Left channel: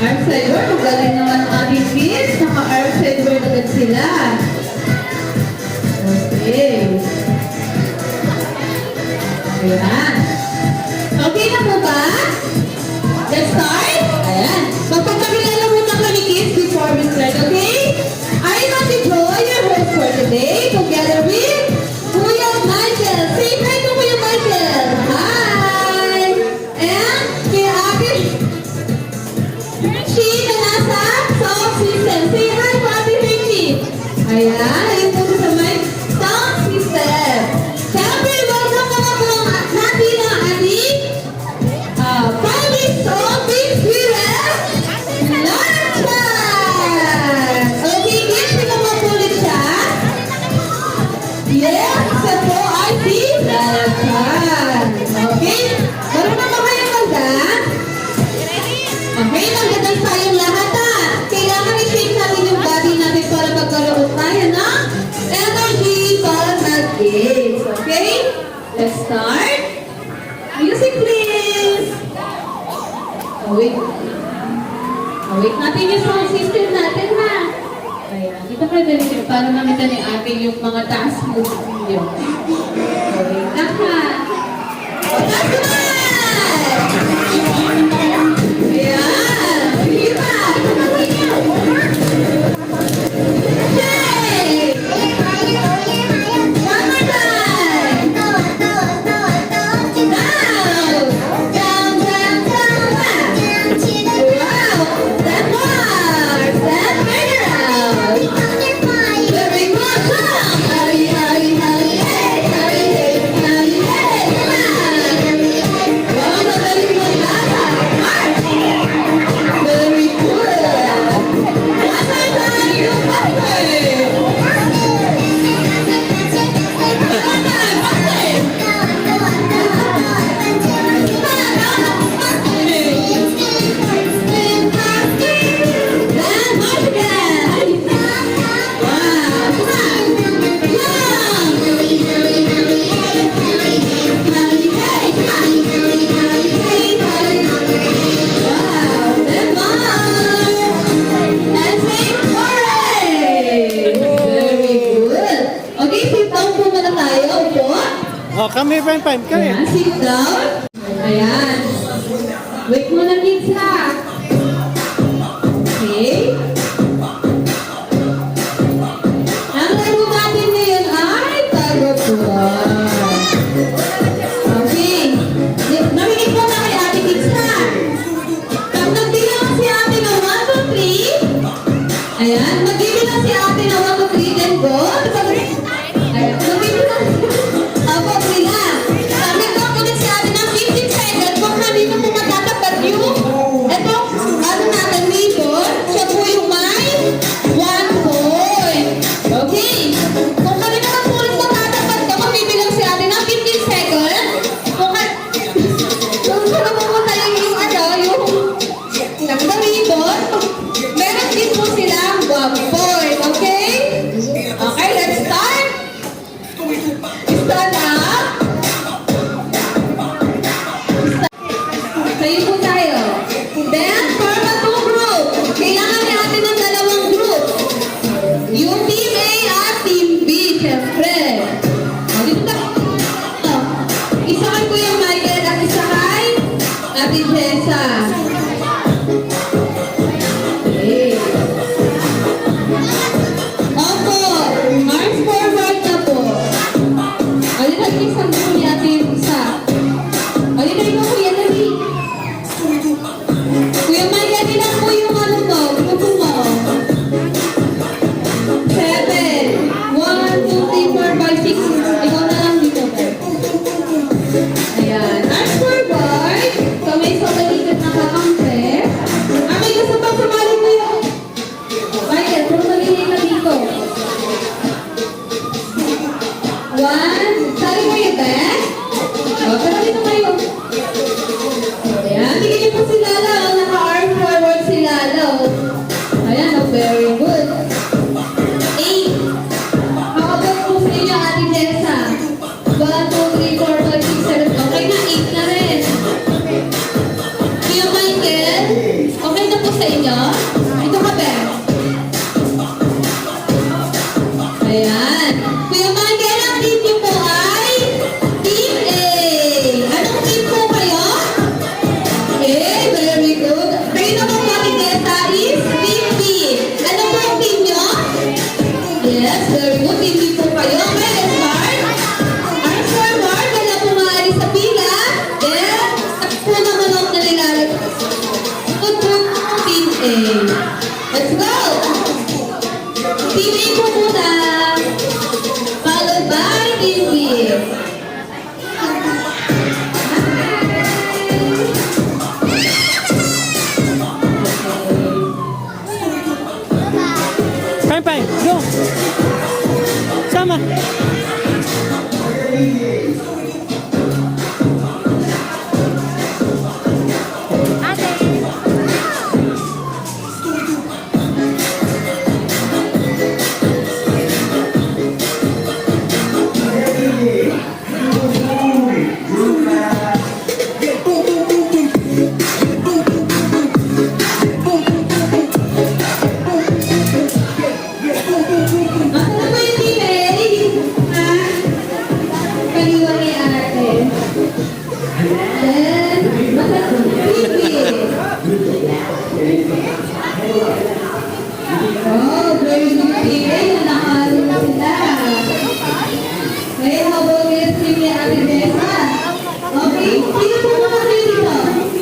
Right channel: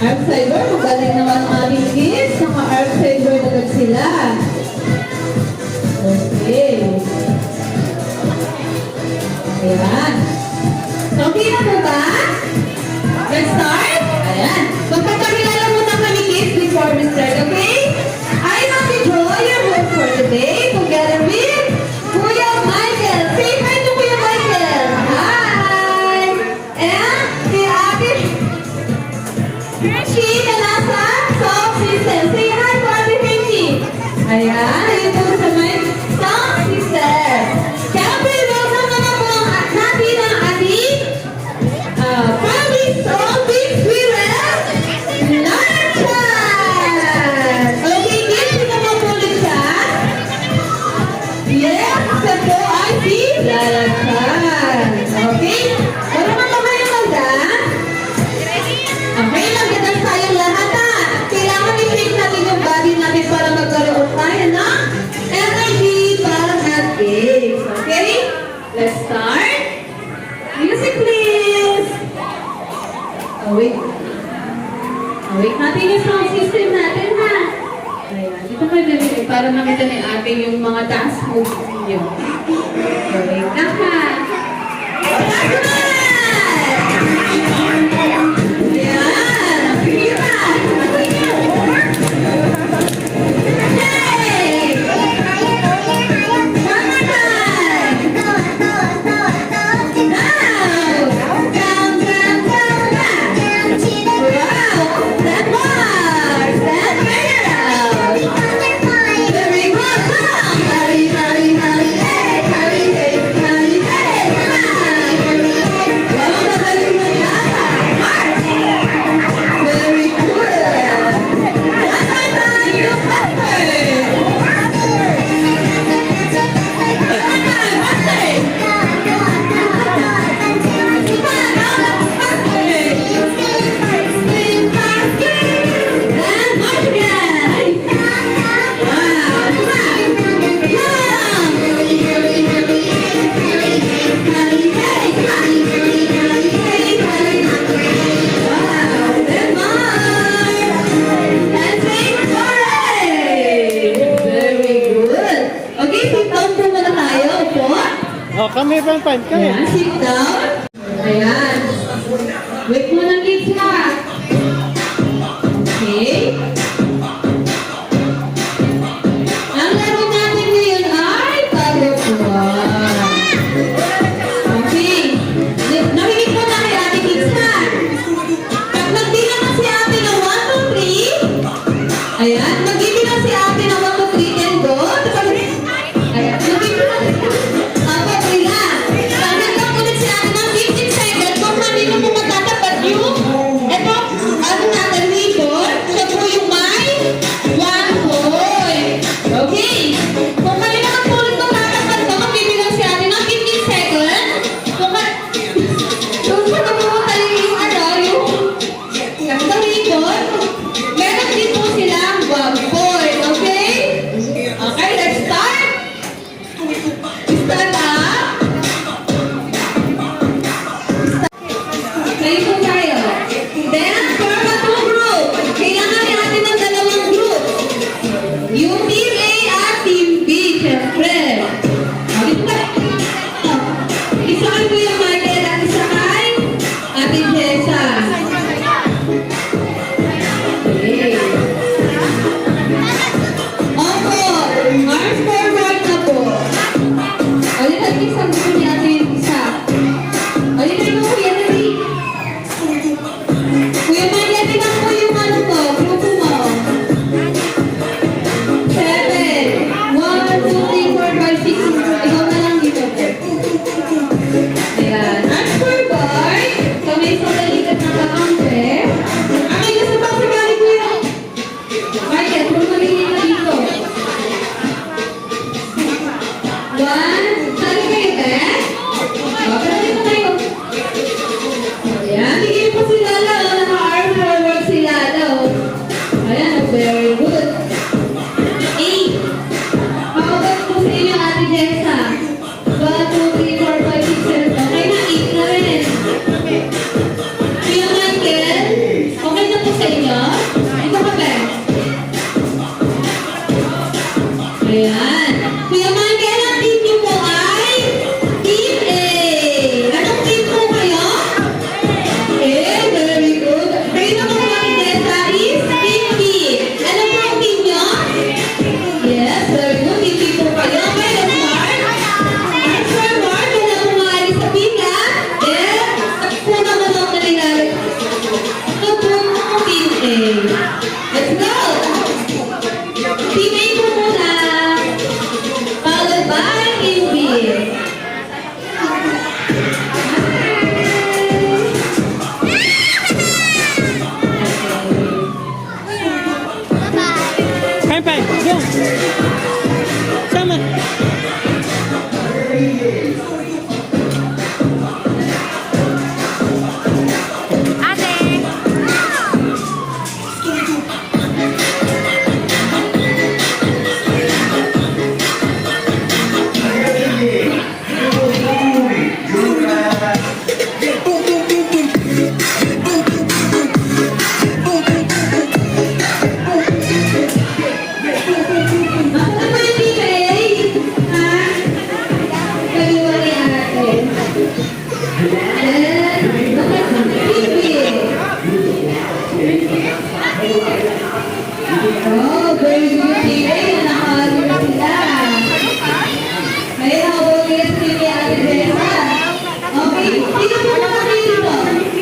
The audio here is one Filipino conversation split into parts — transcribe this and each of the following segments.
Art Cyber, magaling naman ang ating kids. Naka-Art Cyber agad sila. Okay. Ayan. Okay na po ba? Let's start? Ayan. Magpapakilala muna kami kids before we start, okay? I am Joy, your host for today, together with Kuya Michael. Say hi to Kuya Michael. Hi! And kaya Ate Hershey na nasa sound system. Say hi to Ate Hershey. Ayan, ayun po sa may sound system. Kaya welcome naman po ang natin ang ating Promise of Big Sweeter Larchan. Okay, kids, di ba mapulit siya? Yes, isa po ay si Larchan. Okay? Marunong ba kayo mag-dance? Okay, mag-dance tayong lahat ha. Kailangan i-shake natin yung body natin para magkaroon tayo ng energy para mag-games. Okay? Let's start. Music please. Awake. Awake natin yung sound system natin ha. Ayan, dito kayo din para makita ni ate yung mga dance moves niyo. Awake na ha. Oh, kami, fine, kami. Ayan, sit down. Ayan. Wait mo na kids ha. Okay. Ang laro natin ngayon ay tag-of-war. Okay. Narinig mo na kay ate kids ha. Pag nagbilang si ate ng 1, 2, 3. Ayan, nagbilang si ate ng 1, 2, 3 and go. Ayan, nagbilang.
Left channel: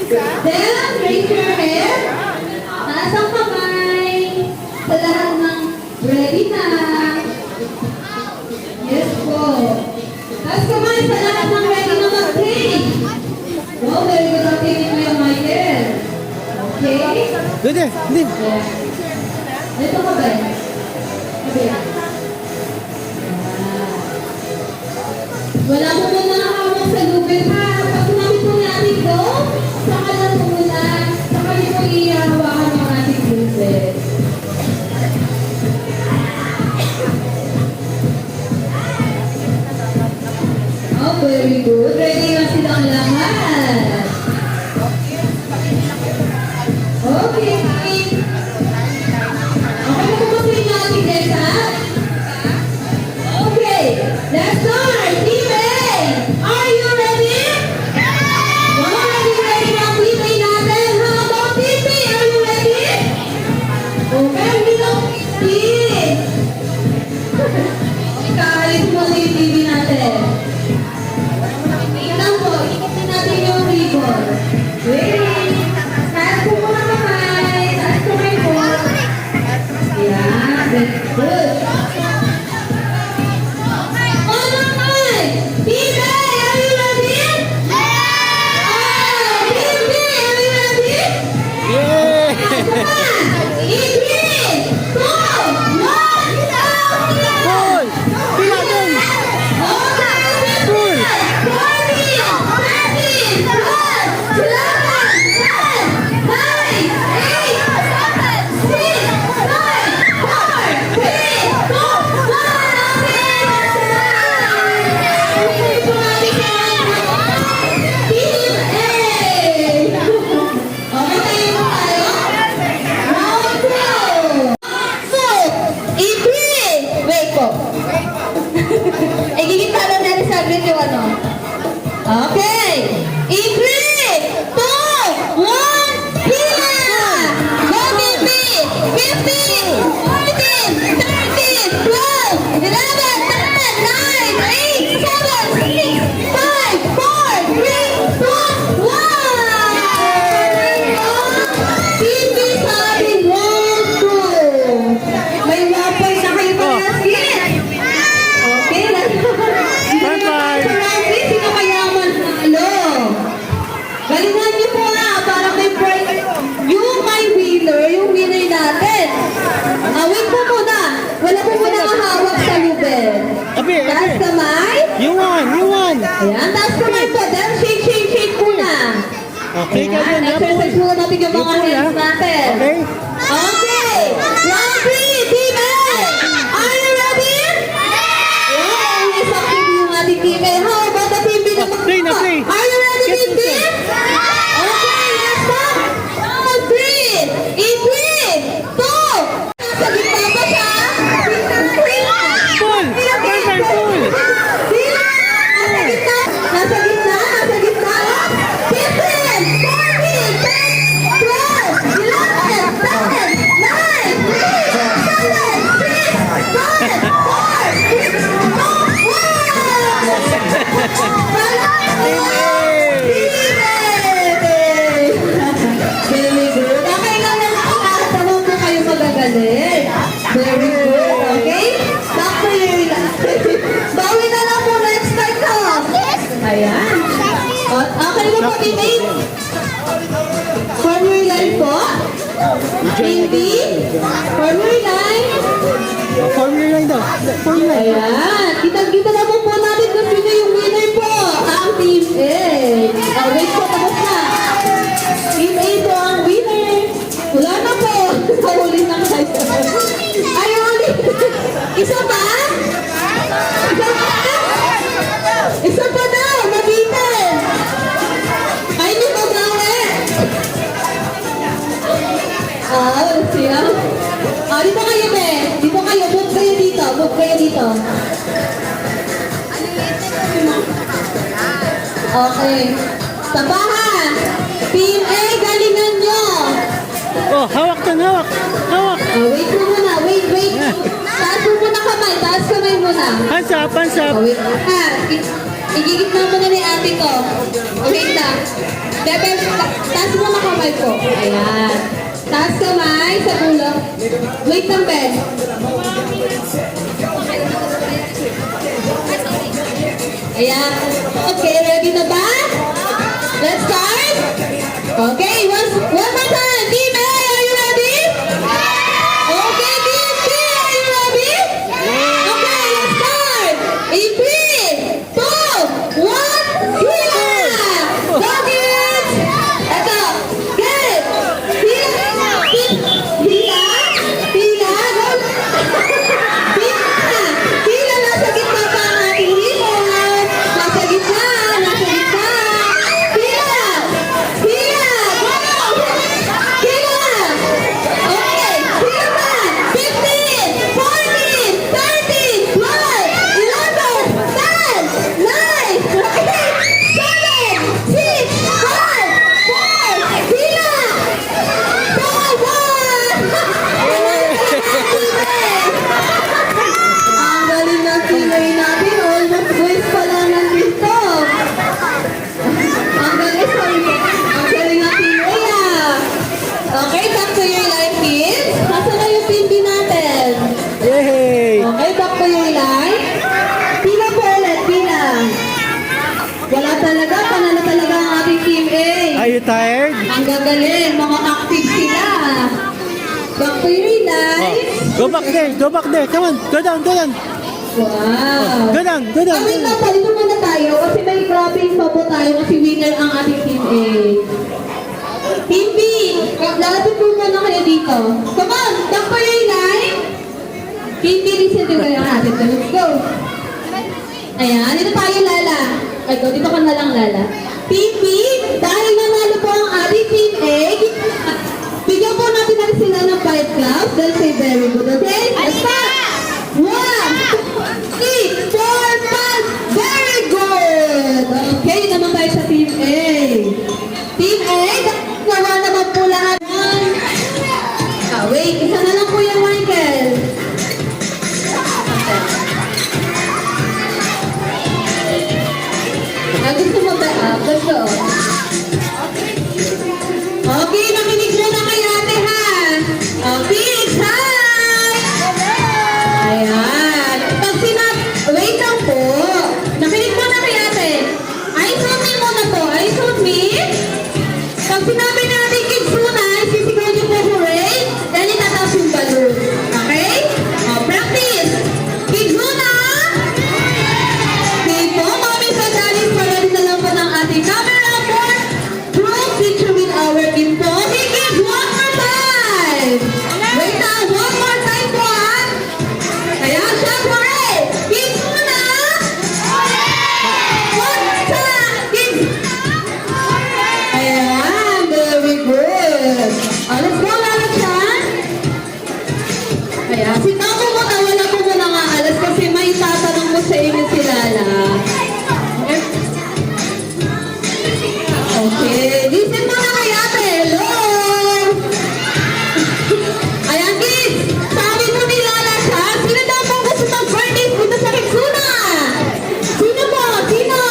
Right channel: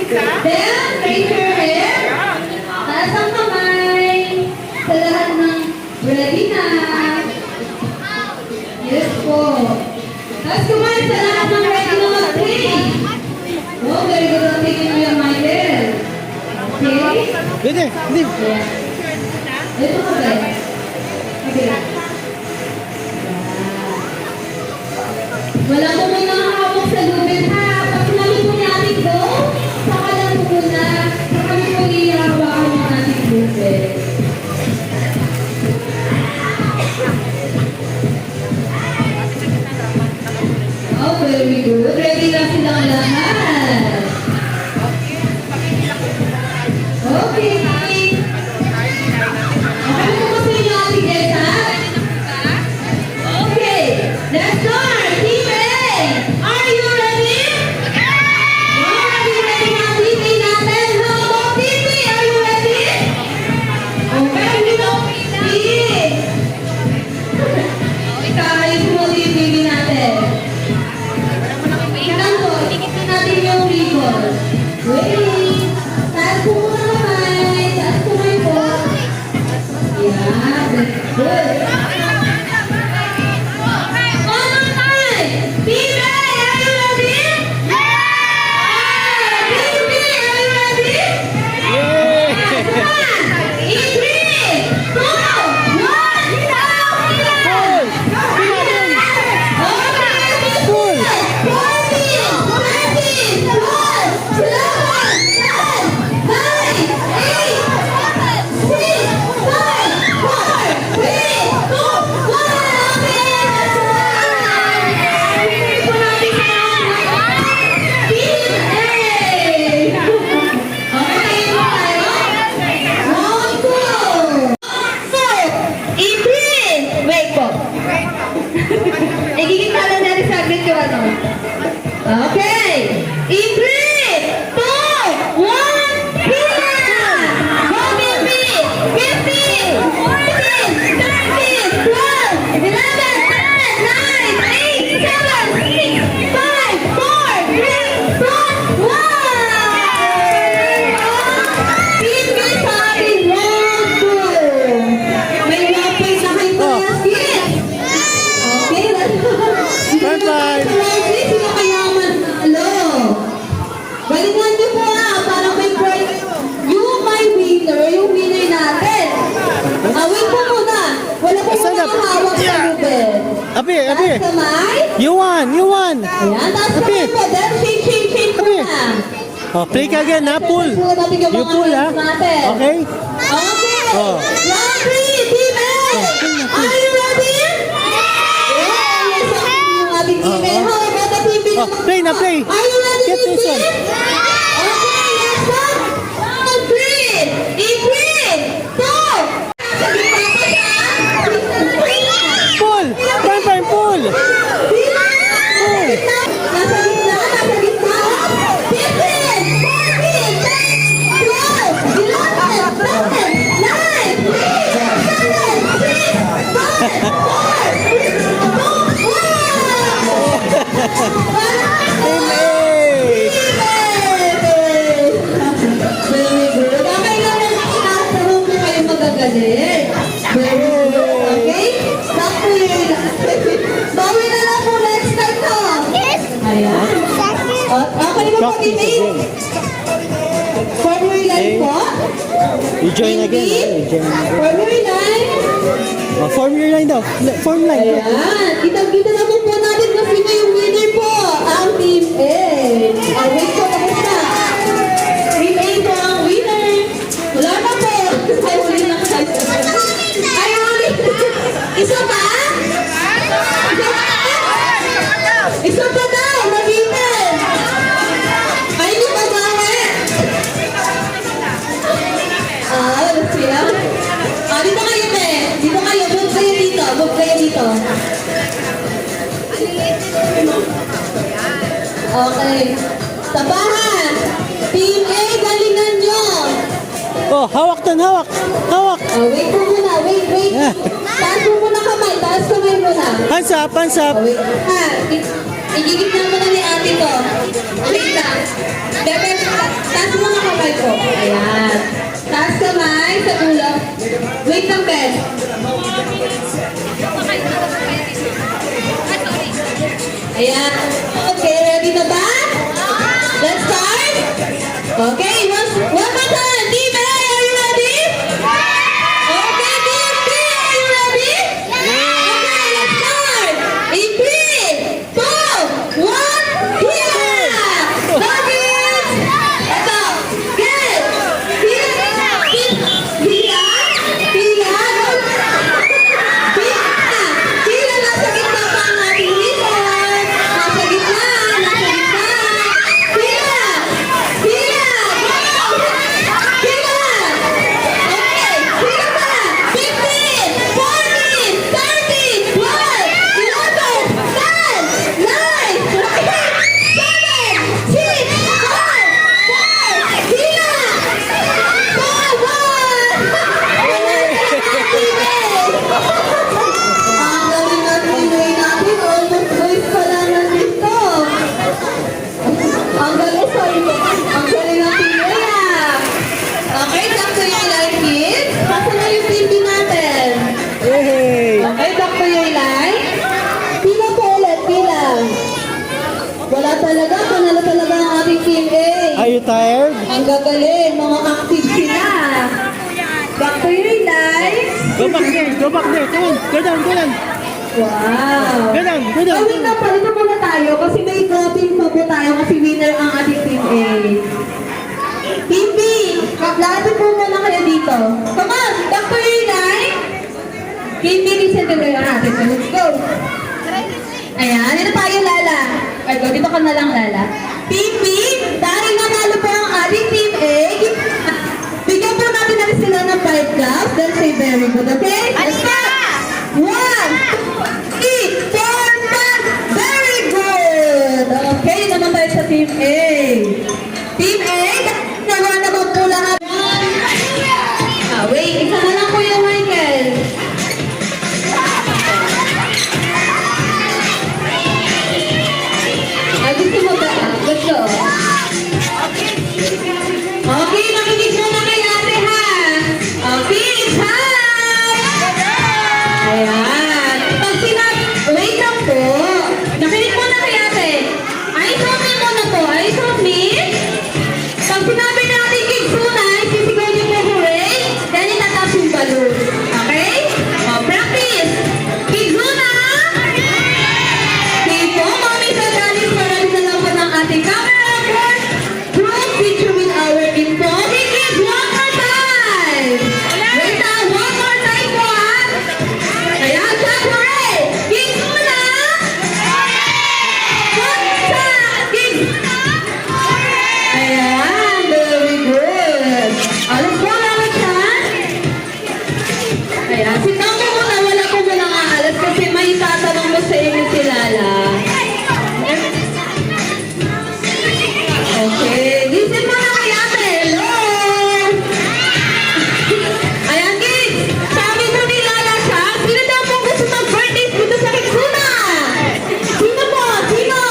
Then, raise your hand. Taas ang kamay. Sa lahat ng ready na. Yes po. Taas kamay sa lahat ng ready na mag-play. Oh, very good at taking your Michael. Okay? Dede, hindi. Ito ka ba? Okay. Wala po may nakahawak sa lubid ha. Pag sinabi po ni Ate Go, saka lang po muna, saka niyo po ihahawakan ng ating lubid. Oh, very good. Ready na silang lahat. Okay. Okay na po ba sa inyo, Ate Jessa? Okay, let's start. Team A, are you ready? Wow, ready na Team A natin. How about Team B? Are you ready? Okay, we know Team B. Kakayos mo Team B natin. Tingnan po, itikipin natin yung ribbon. Wait. Taas po muna kamay. Taas kamay po. Yeah, that's good. Igigitalan natin sa agad yung ano. Okay. In 3, 2, 1, Pila! Go, baby! 15, 14, 13, 12, 11, 10, 9, 8, 7, 6, 5, 4, 3, 2, 1! Team B sa ating round 2. May mapay na kayo Oh. Okay, let's go. Bye-bye. Sino kaya manalo? Galingan niyo po para kay Bright. Yung my winner, yung winner natin. Wait po muna. Wala po muna kahawak sa lubid. Abi, Taas abi. kamay. You won. Ayan, taas kamay po. Then shake muna. Okay ka again, ha, Paul. Exercise muna natin yung You mga pull, hands ha? natin. Okay? Okay. Round 3, Team A. Are you ready? Yes, okay yung ating Team A. How about the Team B Oh, naman play po? na, play. Are you ready, Get Team B? yourself. Okay, let's go. Round 3. In 3, 2. Nasa gitna pa siya. Paul! Bye-bye, Paul! Nasa gitna. 15, 14, 10, 12, 11, 10, 9, 8, 7, 6, 5, 4, 3, 2, 1! Very good. Okay na lang. Parang po kayo magagalit. Very good. Okay? Back to your bawi na lang po next time to. Ayan. Okay mo po, Bibi? Formula line po? You join again. Bibi? Formula line? Formula line daw. Formula line. Ayan. Kitang-kita na po natin kung sino yung winner po. Ang Team A. Wait po, tapos na. Team A po ang winner. Wala na po. Ay, uli na kayo. Ay, uli. Isa pa? Isa pa? Isa pa daw. Nabitin. Ay, hindi pa bawi. Siya? Dito kayo, be. Dito kayo. Book kayo dito. Book kayo dito. Okay. Tapahan. Team A, galingan nyo. Oh, hawak doon, hawak. Hawak. Wait po muna. Wait. Taas mo muna kamay. Taas kamay muna. Hands up, hands up. Wait. Igigit na muna ni ate ko. Wait lang. Bebe, taas Wait lang, Ben. Ayan. Okay, ready na ba? Let's start. Okay, one more time. Team A, are you ready? Okay, Team B, are you ready? Okay, let's start. In 3, 2, 1, hila! Go, kids! Ito. Get! Hila! Hila! Hila! Go! Hila! Hila! Nasa gitna pa ang ating hila. Nasa gitna! Nasa gitna! Hila! Hila! Go! Hila! Okay! Hila pa! 15! 14! 13! 12! 11! 10! 9! 7! 6! 5! 4! Hila! Go! Go! Ang galing na teammate natin, almost boys pa lang nandito. Ang galing, sorry. Ang galing na teammate ah. Okay, back to your line, kids. Nasa na yung team din natin? Yay! Okay, back to your line. Tina po ulit, Tina. Wala talaga, panalo talaga ang ating team A. Are you tired? Ang gagaling, mga active sila. Back to your line. Go back there, go back there. Come on, go down, go down. Wow. Go down, go down. Wait lang, palito muna tayo kasi may dropping pa po tayo kasi winner ang ating team A. Team B, lapit po muna kayo dito. Come on, back to your line. Team B, listen to the natin. Let's go. Ayan, dito tayo, Lala. Ay, go, dito ka na lang, Lala. Team B, dahil nanalo po ang ating team A, bigyan po natin natin sila ng 5 claps. They'll say very good, okay? Alina! 1, 2, 3, 4, 5. Very good! Okay, yun naman tayo sa Team A. Team A, nawa naman po lahat. Wait, isa na lang po yung Michael. Gusto mo ba? Gusto. Okay, makinig muna kayo ate ha. Okay, hi! Ayan. Pag wait lang po. Nakinig mo na kay ate. Eyes on me muna po. Eyes on me. Pag sinabi natin kids muna, sisigaw yung memory, dahil itataas yung balloon. Okay? O, practice. Kids muna. Dito, mami sa galing para rin lang po ng ating camera board. Draw picture with our intro. Okay, kids, one more time. Wait na, one more time po ah. Kaya, syempre, kids muna! Kids! Ayan, very good. Let's go, Mami Chan. Ayan, si Mami mo na wala ko muna aalas kasi may tatanong mo sa inyo si Lala. Okay, listen mo na kay ate. Hello! Ayan, kids! Sabi mo ni Lala siya, sino daw pong gusto mag-birthday dito sa Kitsuna? Sino po? Sino?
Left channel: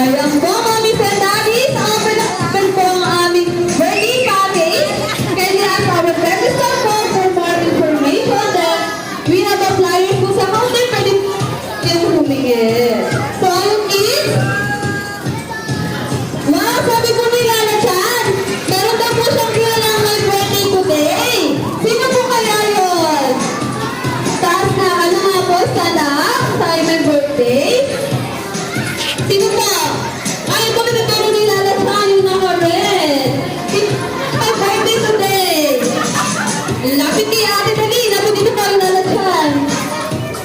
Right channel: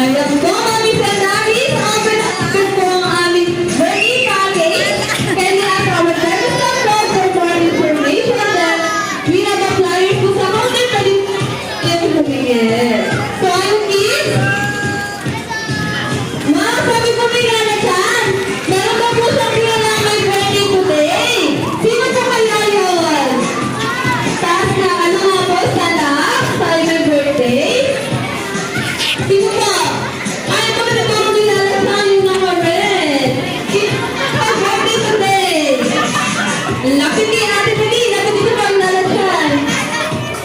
Ayan po, Mami Sandali. Open po ang aming birthday package. Can you ask our register code for more information that we have the flyers po sa counter na din yung humingin. So, ayun, kids? Wow, sabi ko ni Lala Chan, meron daw po siyang kilalang may birthday today. Sino po kaya yun? Taas na, ano nga po, stand up, tayo may birthday. Sino po? Ay, ito pinaturo ni Lala Chan, yun ako rin. Sino po birthday today? Lapit ni Ate Dali, lapit dito pa ang Lala Chan.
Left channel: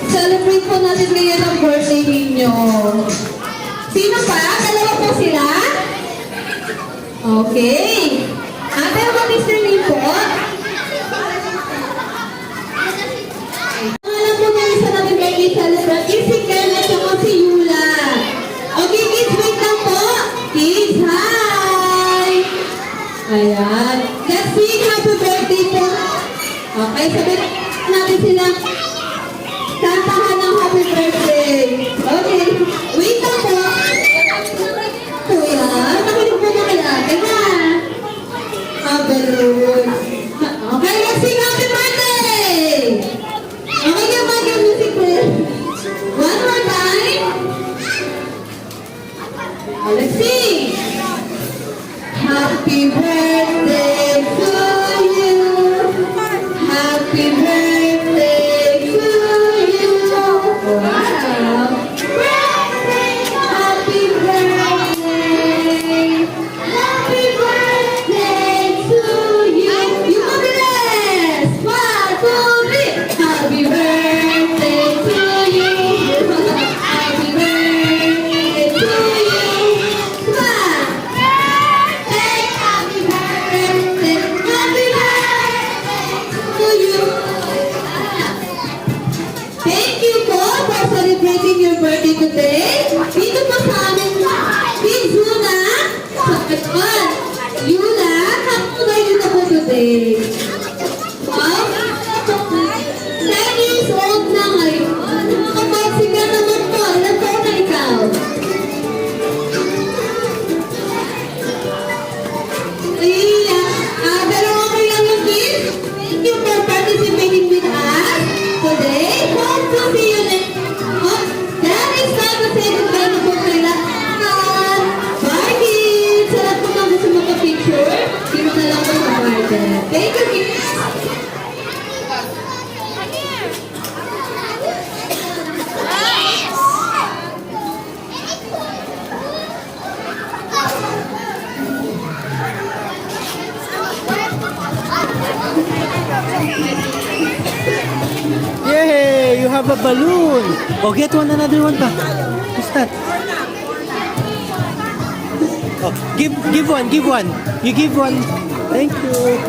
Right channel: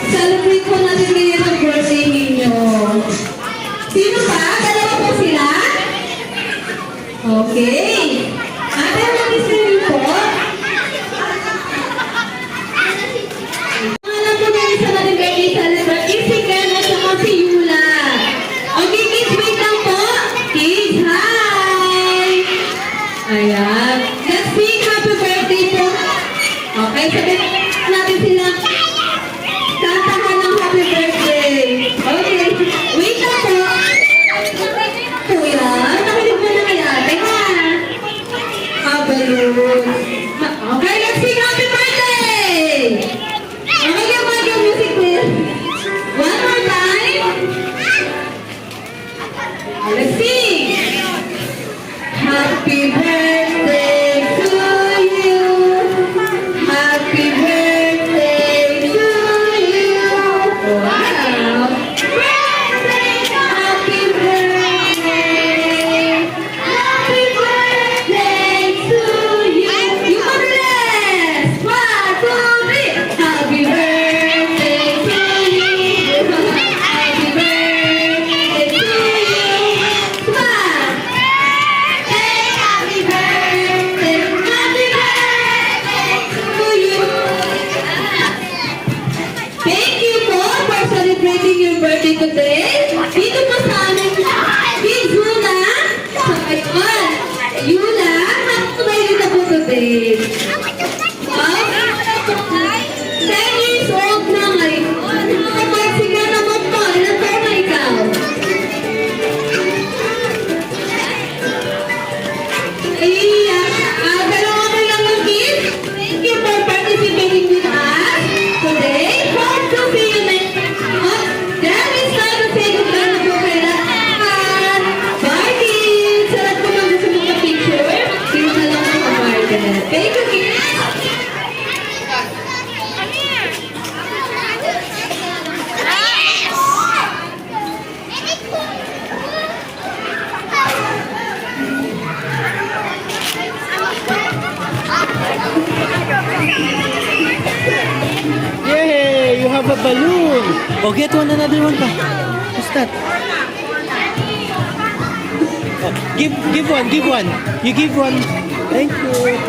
Celebrate po natin ngayon ang birthday ninyo. Sino pa? Dalawa po sila? Okay. Ate, mag-isip niyo po. Alam po niya isa natin may celebrate. Is si Ken at saka si Yula. Okay, kids, wait lang po. Kids, hi! Ayan. Let's sing happy birthday po. Okay, sabihin natin sila. Kantahan ng happy birthday. Okay. Wait lang po. Kuya, nakinig mo na kay ate ha. Balloon. Okay, let's sing happy birthday! Happy birthday to you. Happy birthday to you. Wow. Happy birthday. Happy birthday to you. Yung mabilis. 1, 2, 3. Happy birthday to you. Happy birthday to you. Smile. Happy birthday. Happy birthday to you. Thank you po for celebrating your birthday today. Dito po sa amin, Big Yuna. So, ayun. Yuna, happy birthday na po today. Wow. 10 years old na ngayon. Kapag siga naman po, ilan po na ikaw? Iya, dalawa na lang yung kids. Thank you for participating with us today. Hope to see you next month. That is time to say goodbye na po kay lahat. Bye kids! Sa lahat po mga gusto magpa-picture, kids na lang ang kabarden. Thank you kids! Yay! You have a balloon. Oh, get one another one pa. What's that? Oh, give one, give one. You give one. Thank you.